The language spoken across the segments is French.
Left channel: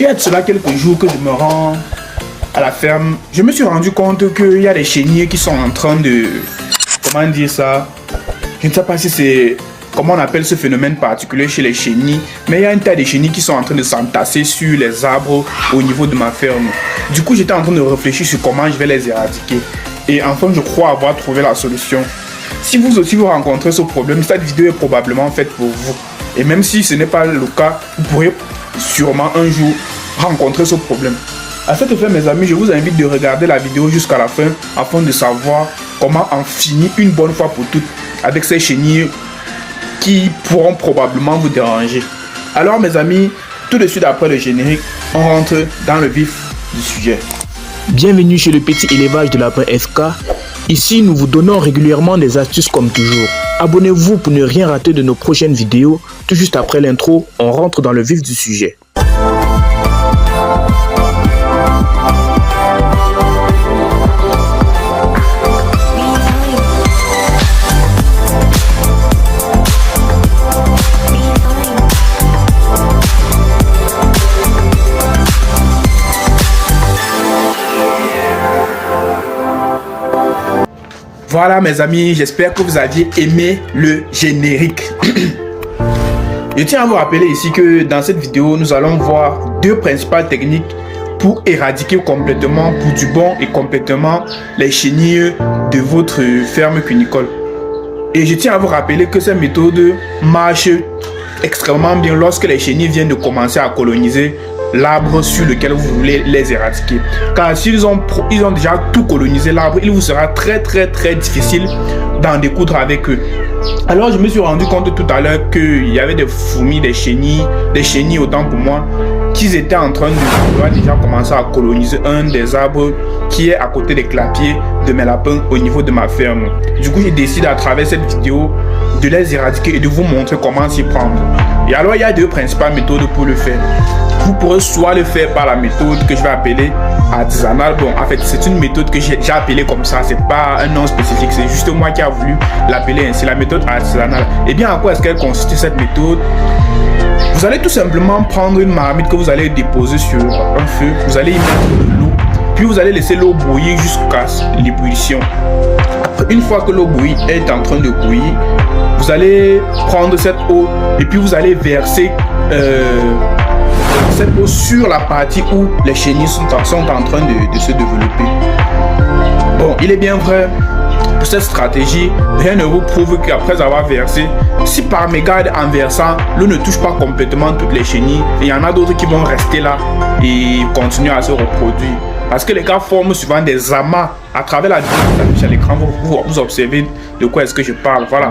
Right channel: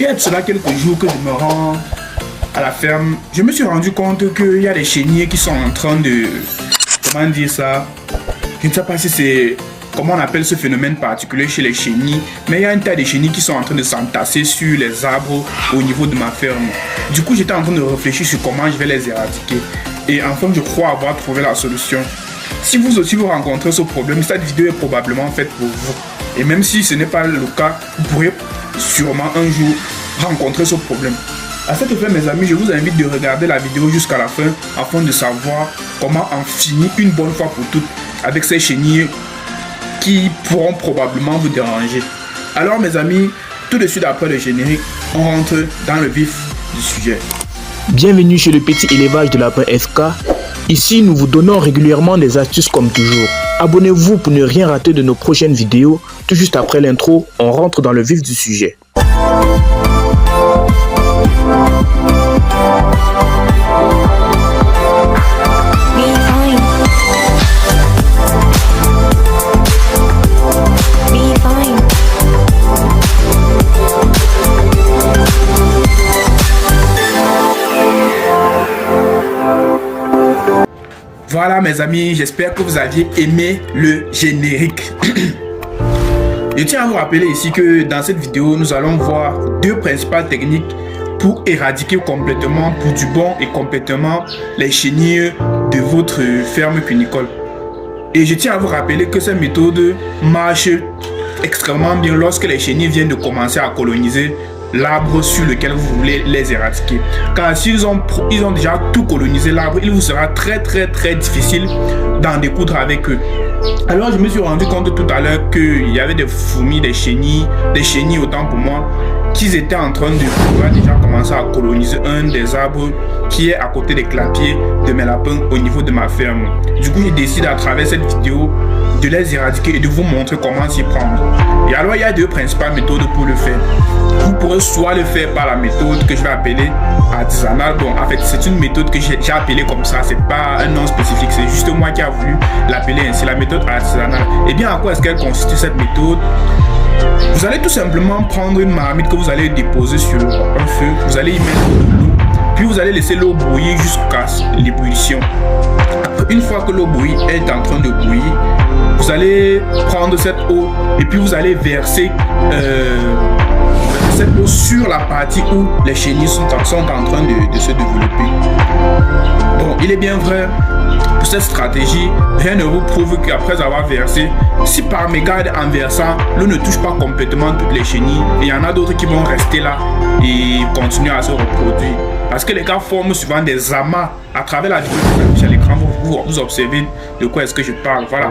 Il y a de cela quelques jours que je me rends à la ferme. Je me suis rendu compte qu'il y a des chenilles qui sont en train de... Comment dire ça? Je ne sais pas si c'est... Comment on appelle ce phénomène particulier chez les chenilles, mais il y a un tas de chenilles qui sont en train de s'entasser sur les arbres au niveau de ma ferme. Du coup, j'étais en train de réfléchir sur comment je vais les éradiquer. Et enfin, je crois avoir trouvé la solution. Si vous aussi vous rencontrez ce problème, cette vidéo est probablement faite pour vous. Et même si ce n'est pas le cas, vous pourrez sûrement un jour rencontrer ce problème. À cet effet, mes amis, je vous invite de regarder la vidéo jusqu'à la fin afin de savoir comment en finir une bonne fois pour toutes avec ces chenilles qui pourront probablement vous déranger. Alors mes amis, tout de suite après le générique, on rentre dans le vif du sujet. Bienvenue chez le petit élevage de lapin SK. Ici, nous vous donnons régulièrement des astuces comme toujours. Abonnez-vous pour ne rien rater de nos prochaines vidéos. Tout juste après l'intro, on rentre dans le vif du sujet. Voilà mes amis, j'espère que vous aviez aimé le générique. Je tiens à vous rappeler ici que dans cette vidéo, nous allons voir deux principales techniques pour éradiquer complètement, pour du bon et complètement, les chenilles de votre ferme cunicole. Et je tiens à vous rappeler que ces méthodes marchent extrêmement bien lorsque les chenilles viennent de commencer à coloniser l'arbre sur lequel vous voulez les éradiquer. Car s'ils ont déjà tout colonisé l'arbre, il vous sera très difficile d'en découdre avec eux. Alors je me suis rendu compte tout à l'heure qu'il y avait des fourmis, des chenilles autant pour moi, qu'ils étaient en train de déjà commencer à coloniser un des arbres qui est à côté des clapiers de mes lapins au niveau de ma ferme. Du coup, j'ai décidé à travers cette vidéo de les éradiquer et de vous montrer comment s'y prendre. Et alors, il y a deux principales méthodes pour le faire. Vous pourrez soit le faire par la méthode que je vais appeler artisanale. Bon, en fait, c'est une méthode que j'ai appelée comme ça. C'est pas un nom spécifique. C'est juste moi qui a voulu l'appeler ainsi, la méthode artisanale. Et bien, en quoi est-ce qu'elle consiste cette méthode? Vous allez tout simplement prendre une marmite que vous allez déposer sur un feu. Vous allez y mettre de l'eau. Puis vous allez laisser l'eau bouillir jusqu'à l'ébullition. Une fois que l'eau bouillie est en train de bouillir, vous allez prendre cette eau et puis vous allez verser cette eau sur la partie où les chenilles sont en train de se développer. Bon, il est bien vrai, pour cette stratégie, rien ne vous prouve qu'après avoir versé, si par mégarde en versant, l'eau ne touche pas complètement toutes les chenilles, et il y en a d'autres qui vont rester là et continuer à se reproduire. Parce que les gars forment souvent des amas à travers la vidéo à l'écran. Vous observez de quoi est-ce que je parle. Voilà.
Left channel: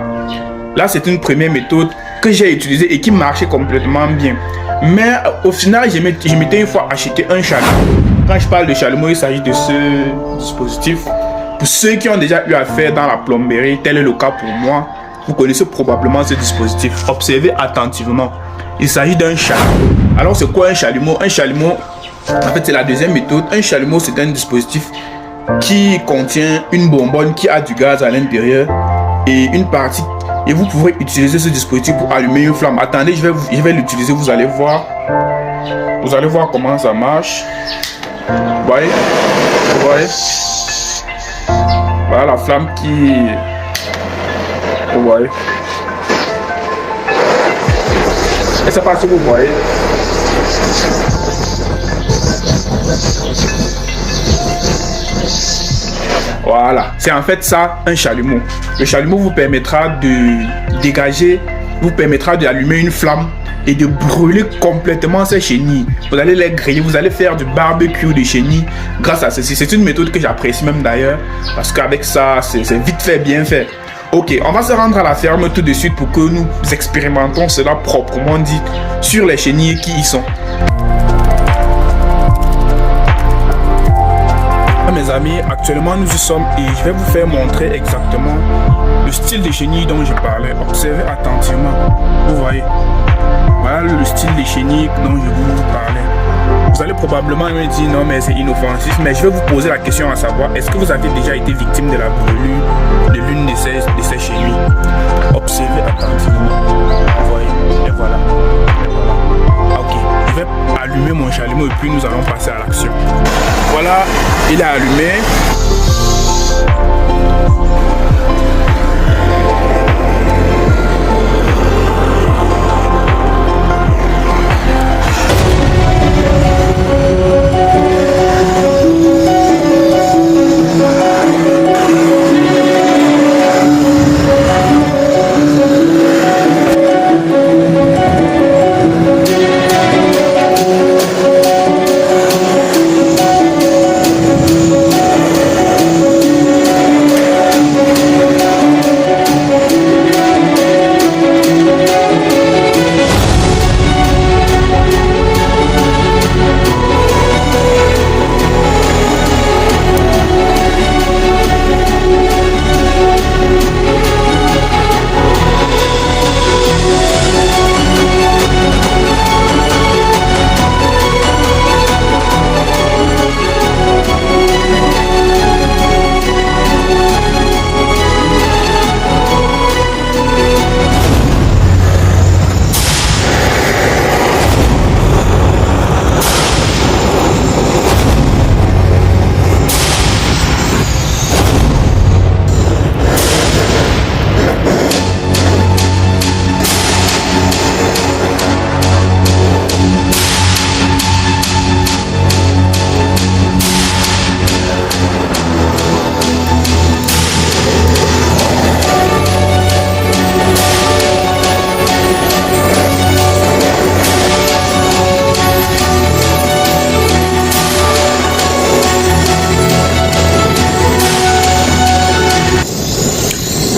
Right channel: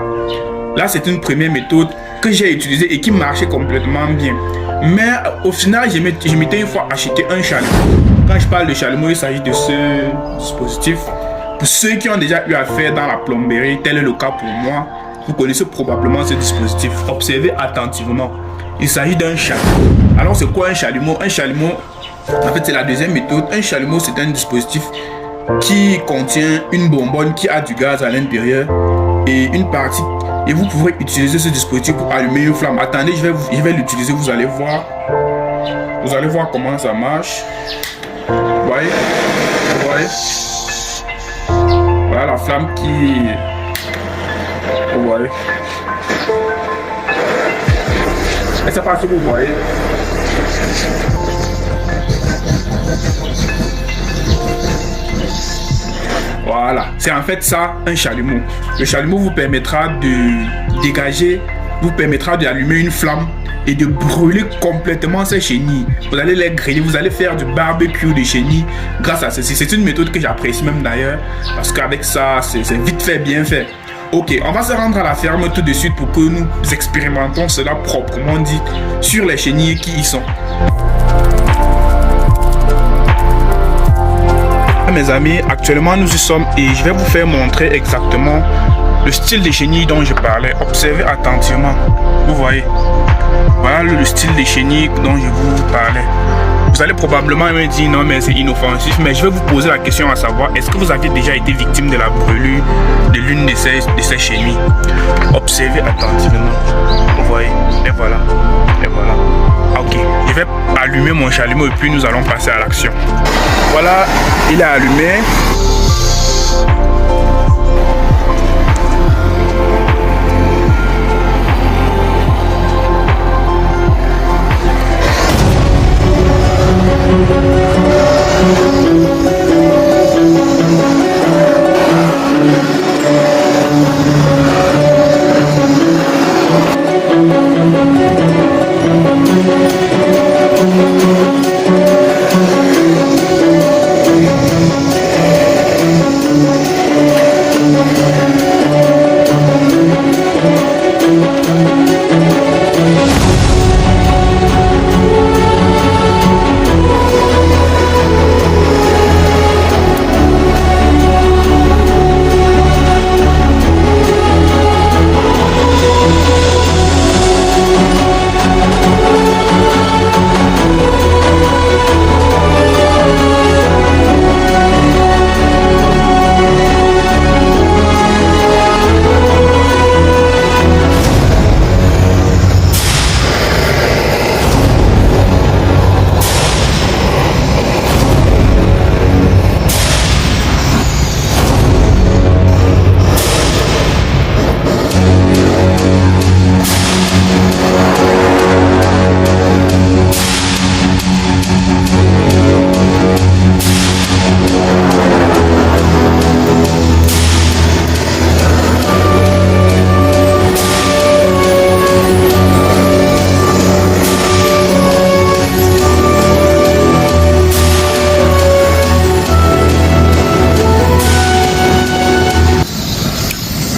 Là, c'est une première méthode que j'ai utilisée et qui marchait complètement bien. Mais au final, je m'étais une fois acheté un chalumeau. Quand je parle de chalumeau, il s'agit de ce dispositif. Pour ceux qui ont déjà eu affaire dans la plomberie, tel est le cas pour moi, vous connaissez probablement ce dispositif. Observez attentivement. Il s'agit d'un chalumeau. Alors, c'est quoi un chalumeau? Un chalumeau, en fait, c'est la deuxième méthode. Un chalumeau, c'est un dispositif qui contient une bonbonne qui a du gaz à l'intérieur et une partie. Et vous pouvez utiliser ce dispositif pour allumer une flamme. Attendez, je vais l'utiliser, vous allez voir. Vous allez voir comment ça marche. Vous voyez? Vous voyez? Voilà la flamme qui... Vous voyez? Je ne sais pas si vous voyez. Voilà, c'est en fait ça un chalumeau. Le chalumeau vous permettra de dégager, vous permettra d'allumer une flamme et de brûler complètement ces chenilles. Vous allez les griller, vous allez faire du barbecue de chenilles grâce à ceci. C'est une méthode que j'apprécie même d'ailleurs parce qu'avec ça, c'est vite fait, bien fait. Ok, on va se rendre à la ferme tout de suite pour que nous expérimentons cela proprement dit sur les chenilles qui y sont. Mes amis, actuellement nous y sommes et je vais vous faire montrer exactement le style de chenilles dont je parlais. Observez attentivement, vous voyez, voilà le style de chenilles dont je vous parlais. Vous allez probablement me dire non mais c'est inoffensif, mais je vais vous poser la question à savoir, est-ce que vous avez déjà été victime de la brûlure de l'une de ces chenilles? Observez attentivement, vous voyez, et voilà, Ok, je vais allumer mon chalumeau et puis nous allons passer à l'action. Voilà, il est allumé.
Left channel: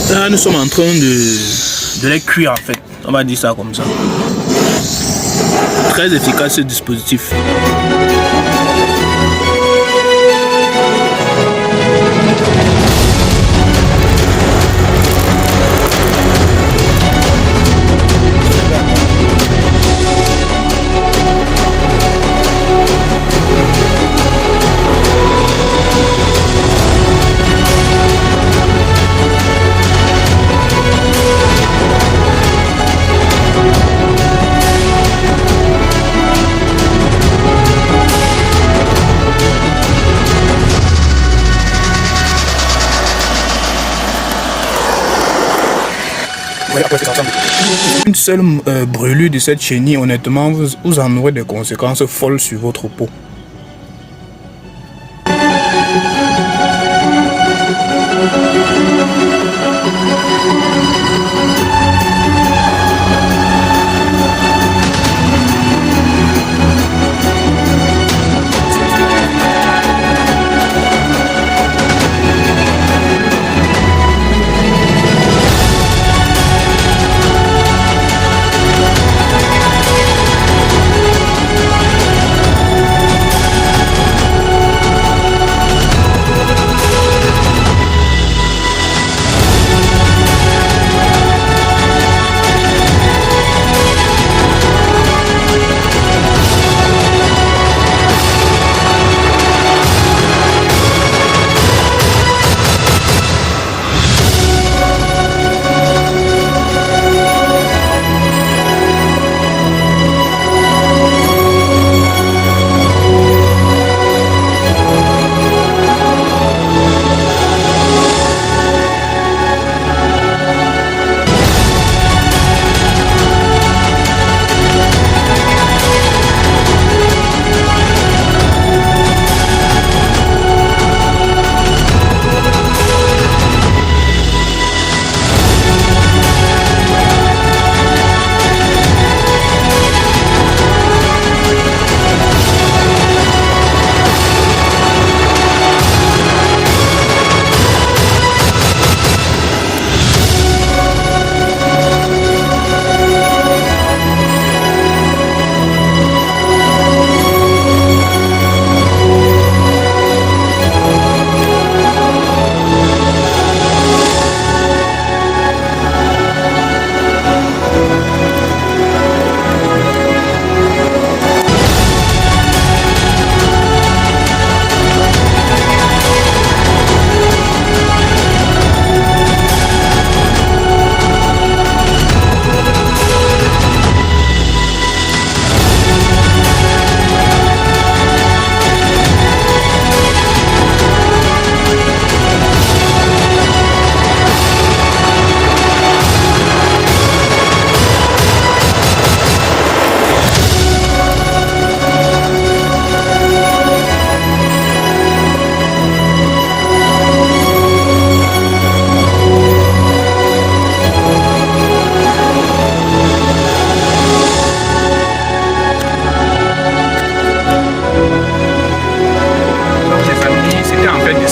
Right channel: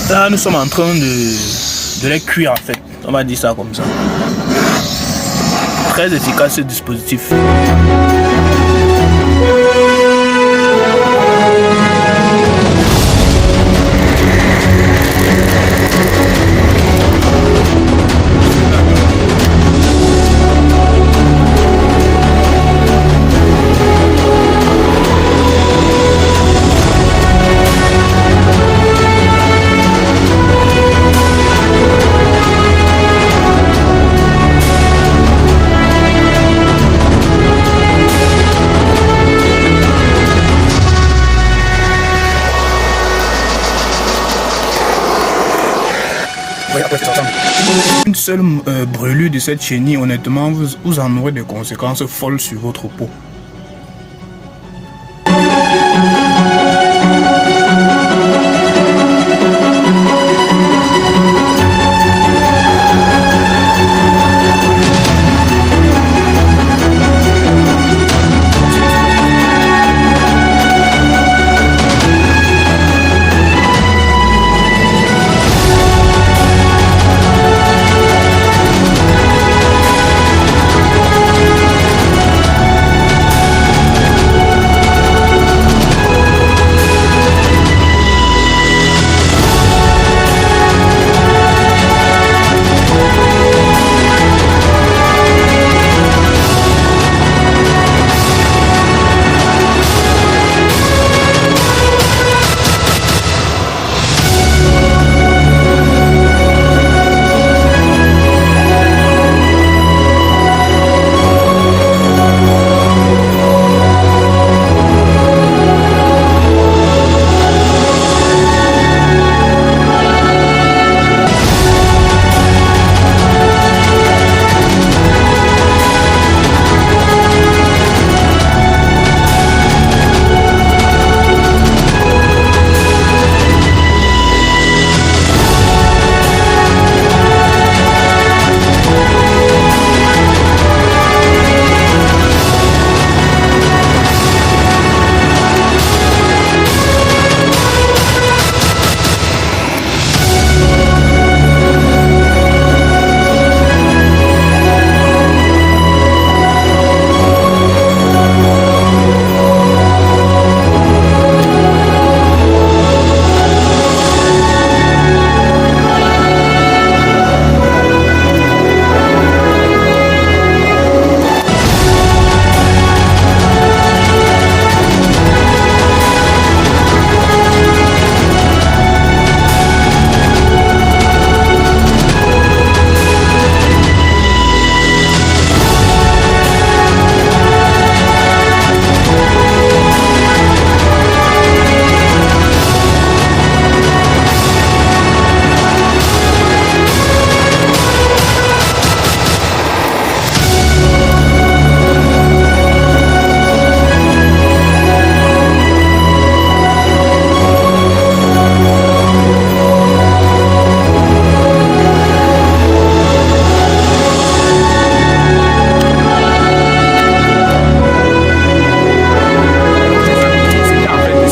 Là, nous sommes en train de les cuire en fait. On va dire ça comme ça. Très efficace ce dispositif. Une seule brûlure de cette chenille, honnêtement, vous en aurez des conséquences folles sur votre peau.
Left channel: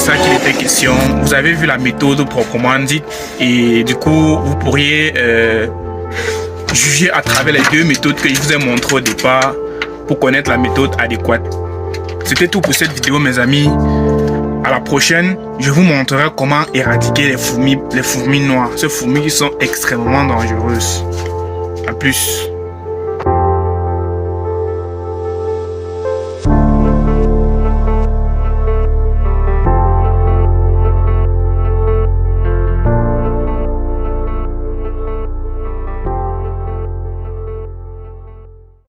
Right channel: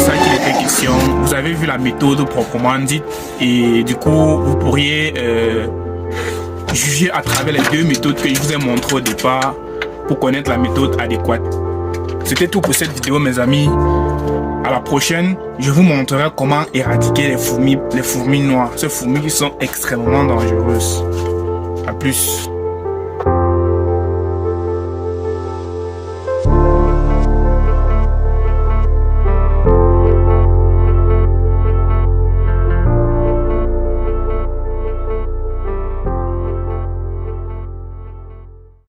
ça qu'il était question. Vous avez vu la méthode proprement dite et du coup, vous pourriez juger à travers les deux méthodes que je vous ai montrées au départ pour connaître la méthode adéquate. C'était tout pour cette vidéo, mes amis. À la prochaine, je vous montrerai comment éradiquer les fourmis noires. Ces fourmis qui sont extrêmement dangereuses. À plus.